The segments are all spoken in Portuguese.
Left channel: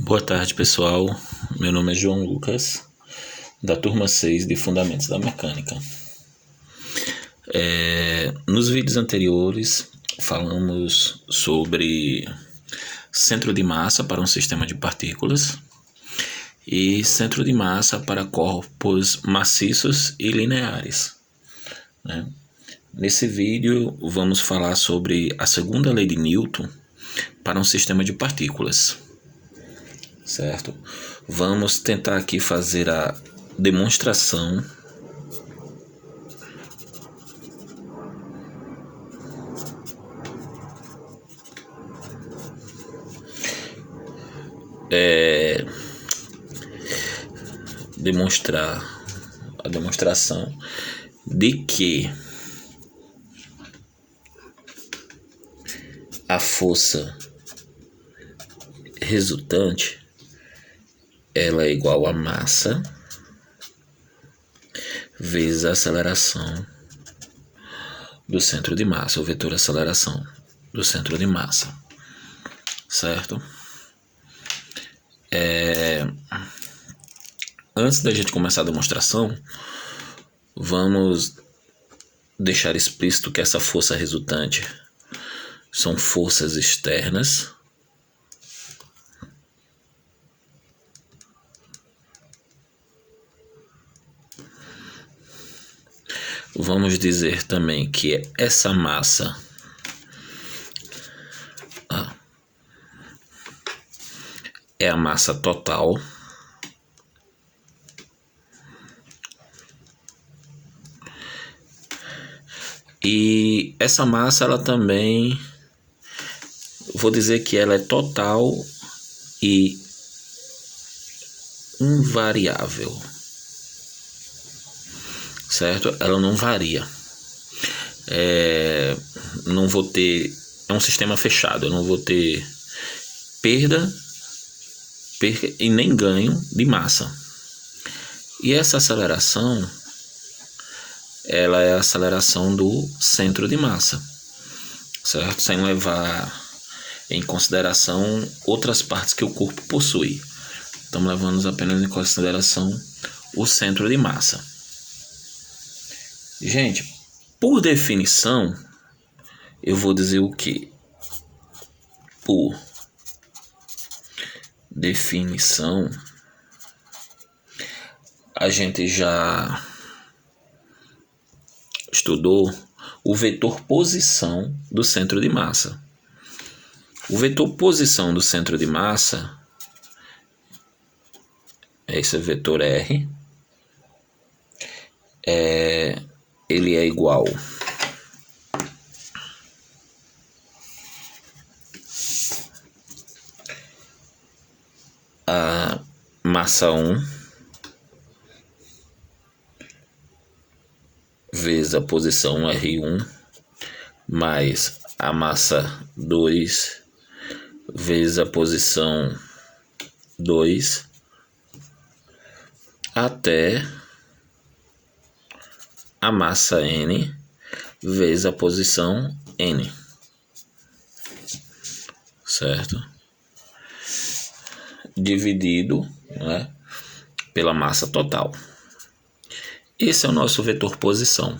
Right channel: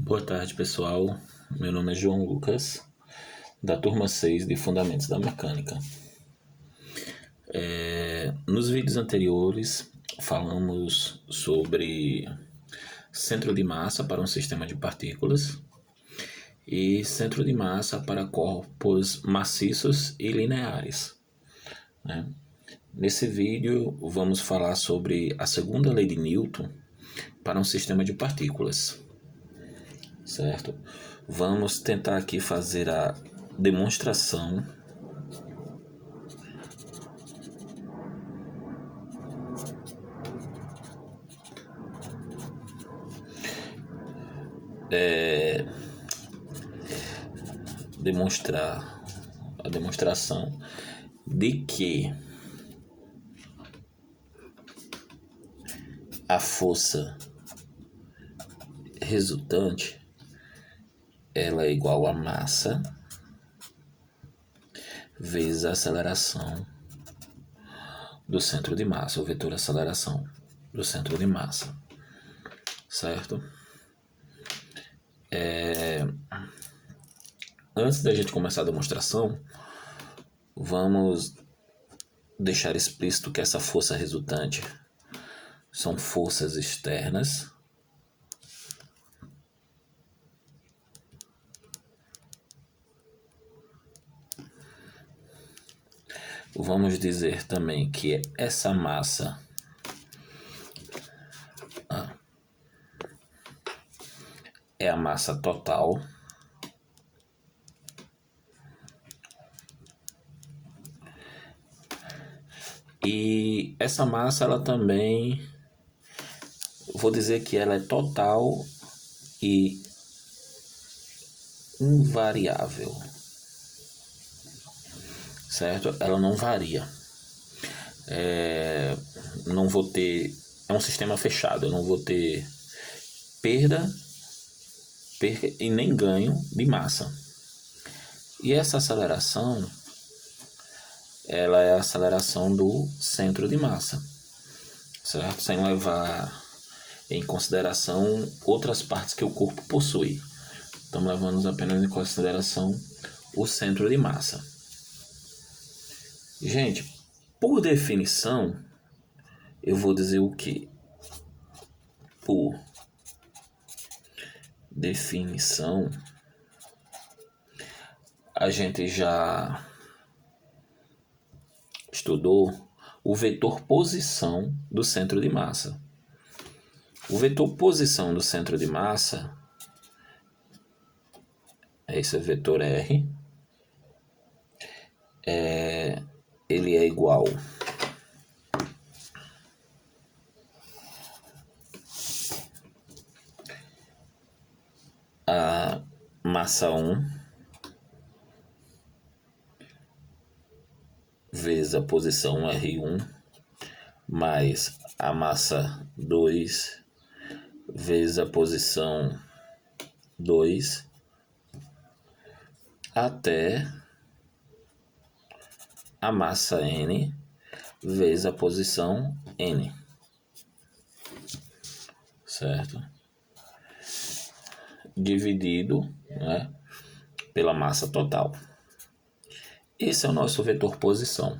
Boa tarde, pessoal. Meu nome é João Lucas, da turma 6 de Fundamentos da Mecânica. Nos vídeos anteriores, falamos sobre centro de massa para um sistema de partículas e centro de massa para corpos maciços e lineares, né? Nesse vídeo, vamos falar sobre a segunda lei de Newton para um sistema de partículas. Certo? Vamos tentar aqui fazer a demonstração a demonstração de que a força resultante ela é igual a massa vezes a aceleração do centro de massa, o vetor aceleração do centro de massa, certo? Antes da gente começar a demonstração, vamos deixar explícito que essa força resultante são forças externas vamos dizer também que essa massa é a massa total e essa massa ela também vou dizer que ela é total e invariável, certo? Ela não varia. Não vou ter, é um sistema fechado, eu não vou ter perda e nem ganho de massa. E essa aceleração, ela é a aceleração do centro de massa, certo? Sem levar em consideração outras partes que o corpo possui. Estamos levando apenas em consideração o centro de massa. Gente, por definição, eu vou dizer o que? Por definição, a gente já estudou o vetor posição do centro de massa. O vetor posição do centro de massa é esse vetor R. Ele é igual a massa 1 vezes a posição R1 mais a massa 2 vezes a posição 2 até a massa N vezes a posição N, certo? Dividido, né, pela massa total. Esse é o nosso vetor posição.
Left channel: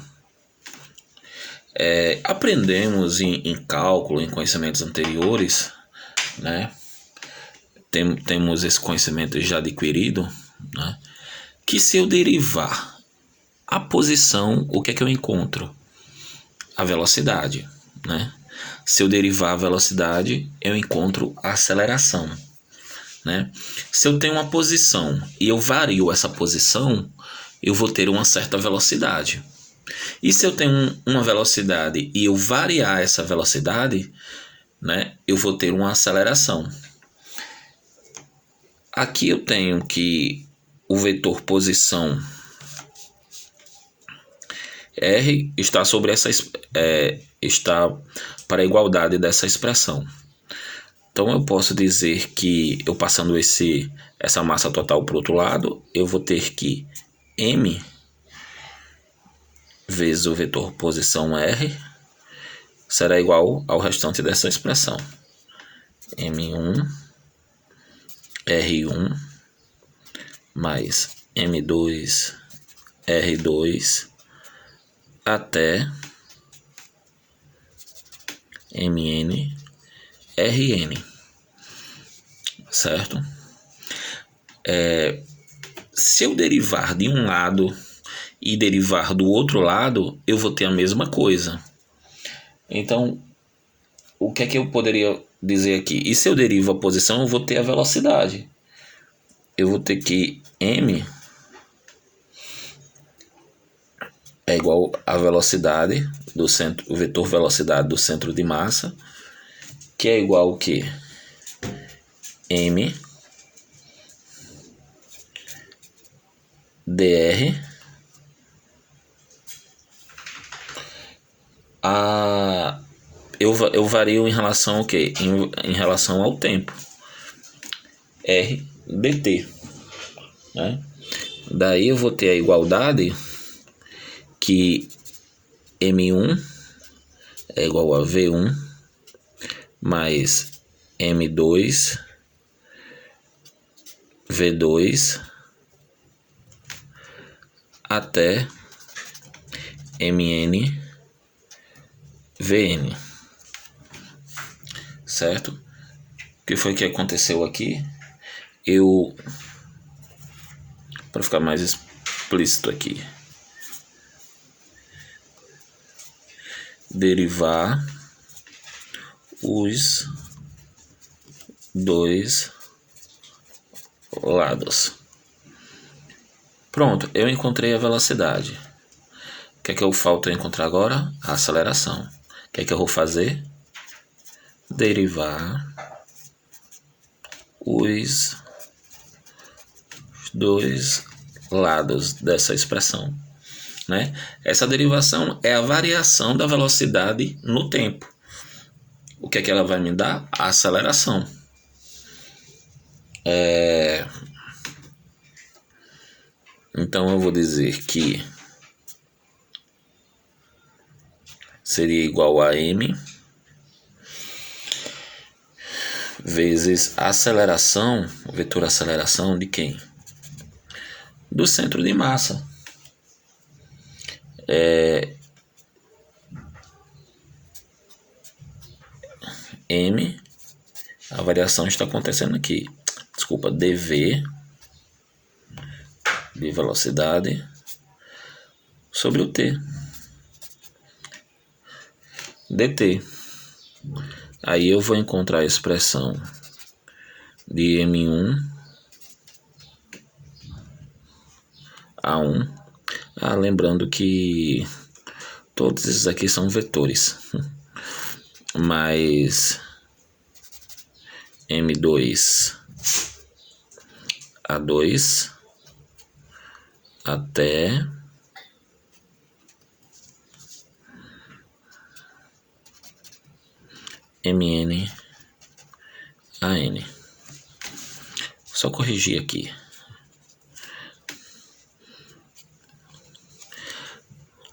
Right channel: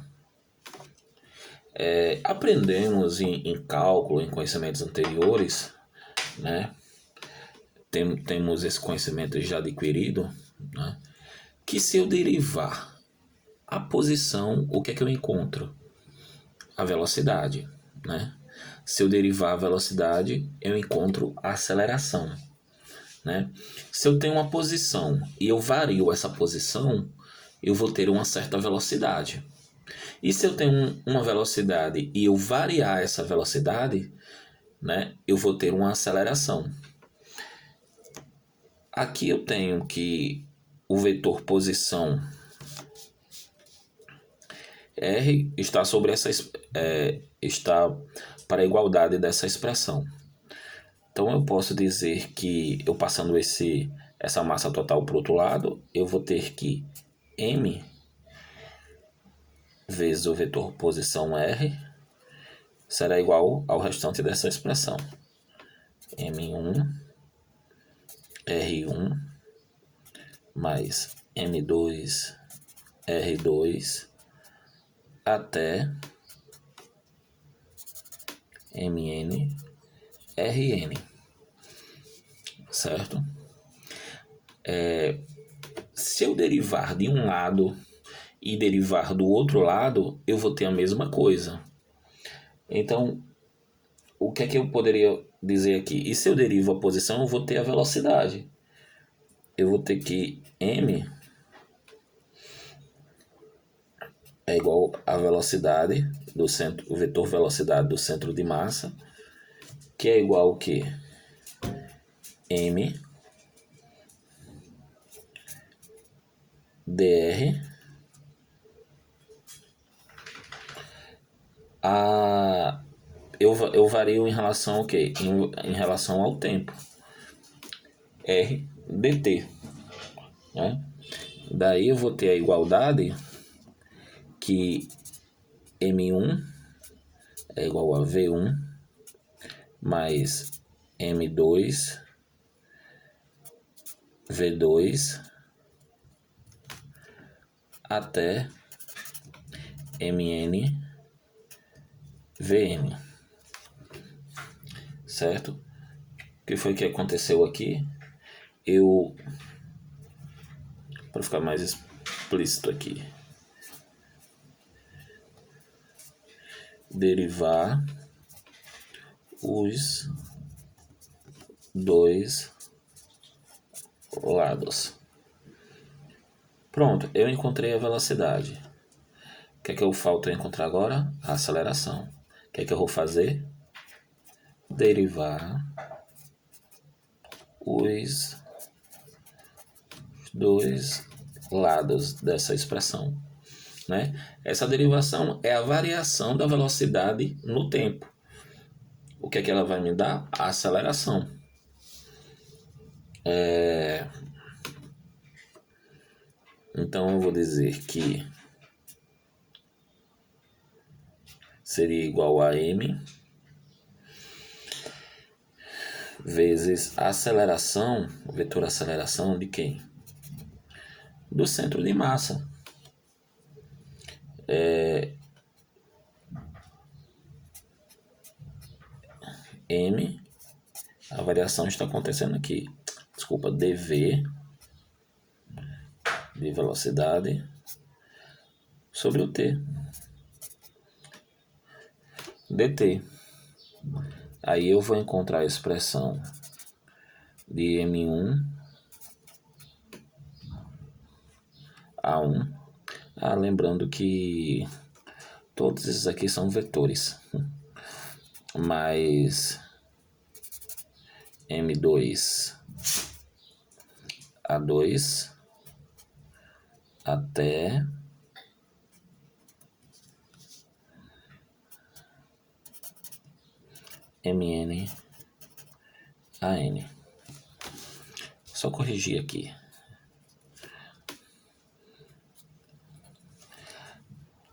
Aprendemos em cálculo, em conhecimentos anteriores, né? Temos esse conhecimento já adquirido, né? Que se eu derivar a posição, o que é que eu encontro? A velocidade, né? Se eu derivar a velocidade, eu encontro a aceleração, né? Se eu tenho uma posição e eu vario essa posição, eu vou ter uma certa velocidade. E se eu tenho uma velocidade e eu variar essa velocidade, né, eu vou ter uma aceleração. Aqui eu tenho que o vetor posição R está sobre está para a igualdade dessa expressão. Então eu posso dizer que eu passando essa massa total para o outro lado, eu vou ter que M vezes o vetor posição R será igual ao restante dessa expressão. M1 R1 mais M2 R2 até Mn Rn, certo? Se eu derivar de um lado e derivar do outro lado, eu vou ter a mesma coisa. Então, o que é que eu poderia dizer aqui? E se eu derivo a posição, eu vou ter a velocidade. Eu vou ter que m é igual a velocidade do centro, o vetor velocidade do centro de massa, que é igual ao que? M dr eu vario em relação ao quê? Em relação ao tempo. R dt, né? Daí eu vou ter a igualdade que M1 é igual a V1 mais M2 V2 até Mn Vn, certo? O que foi que aconteceu aqui? Para ficar mais explícito aqui, derivar os dois lados. Pronto, eu encontrei a velocidade. O que é que eu falta encontrar agora? A aceleração. O que é que eu vou fazer? Derivar os dois lados dessa expressão, né? Essa derivação é a variação da velocidade no tempo. O que é que ela vai me dar? A aceleração. Então eu vou dizer que seria igual a m vezes a aceleração, o vetor aceleração de quem? Do centro de massa. M, a variação está acontecendo aqui. Desculpa, dv, de velocidade, sobre o t, dt. Aí eu vou encontrar a expressão de M1 A1. Lembrando que todos esses aqui são vetores. Mais M2 A2 até Mn An. Só corrigir aqui.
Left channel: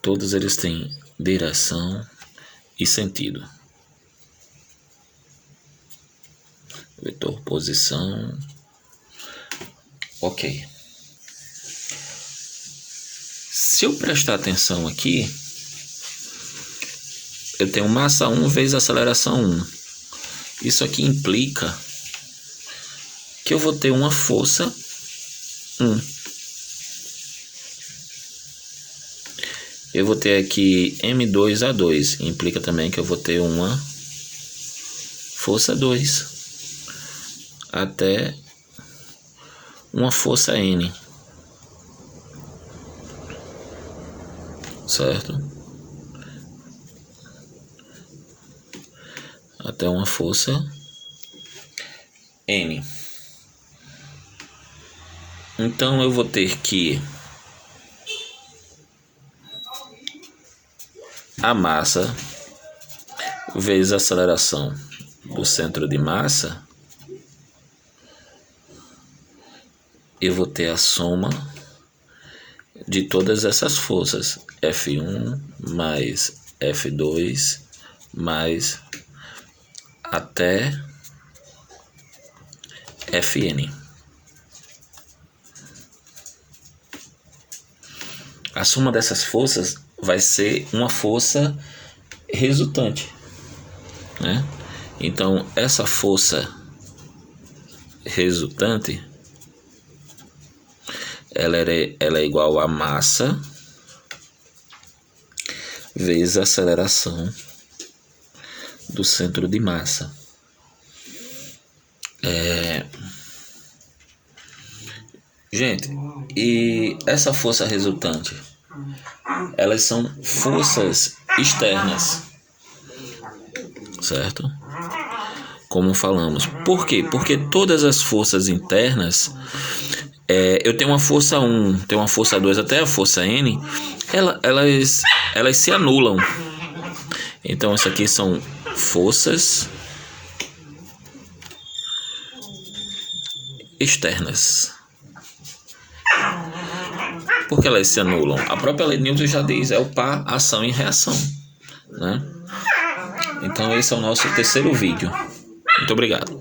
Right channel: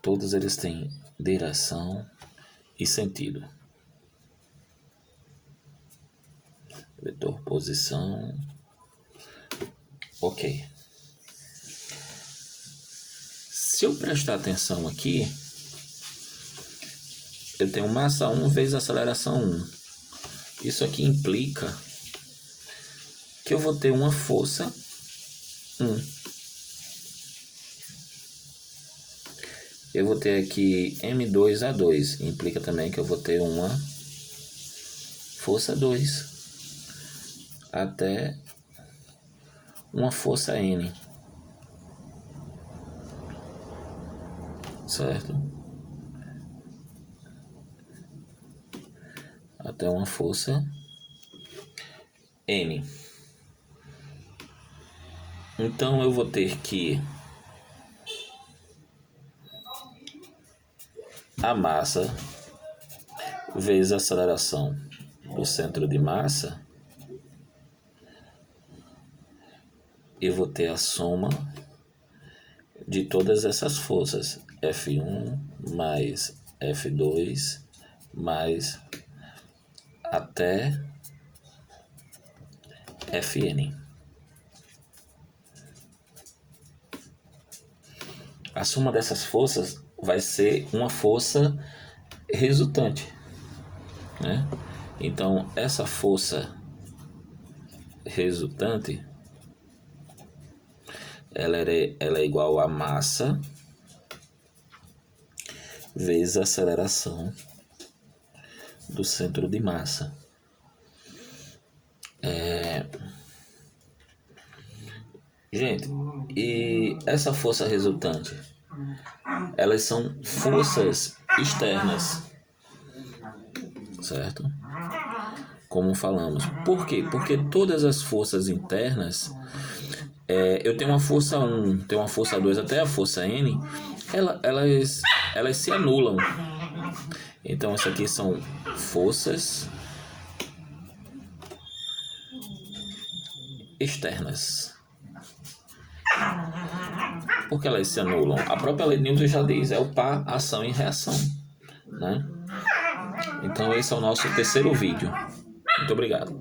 Todos eles têm direção e sentido. Vetor posição. Ok. Se eu prestar atenção aqui, eu tenho massa 1 vezes aceleração 1. Isso aqui implica que eu vou ter uma força 1. Eu vou ter aqui M2A2. Implica também que eu vou ter uma força 2 até uma força N. Certo? Até uma força N. Então eu vou ter que a massa vezes a aceleração do centro de massa, eu vou ter a soma de todas essas forças, F1 mais F2 mais até Fn. A soma dessas forças vai ser uma força resultante, né? Então, essa força resultante, ela é igual a massa vezes a aceleração do centro de massa. Gente, e essa força resultante, elas são forças externas, certo? Como falamos. Por quê? Porque todas as forças internas, eu tenho uma força 1, tenho uma força 2, até a força N, elas se anulam. Então, isso aqui são forças externas. Porque elas se anulam. A própria lei de Newton já diz, é o par ação e reação, né? Então esse é o nosso terceiro vídeo. Muito obrigado.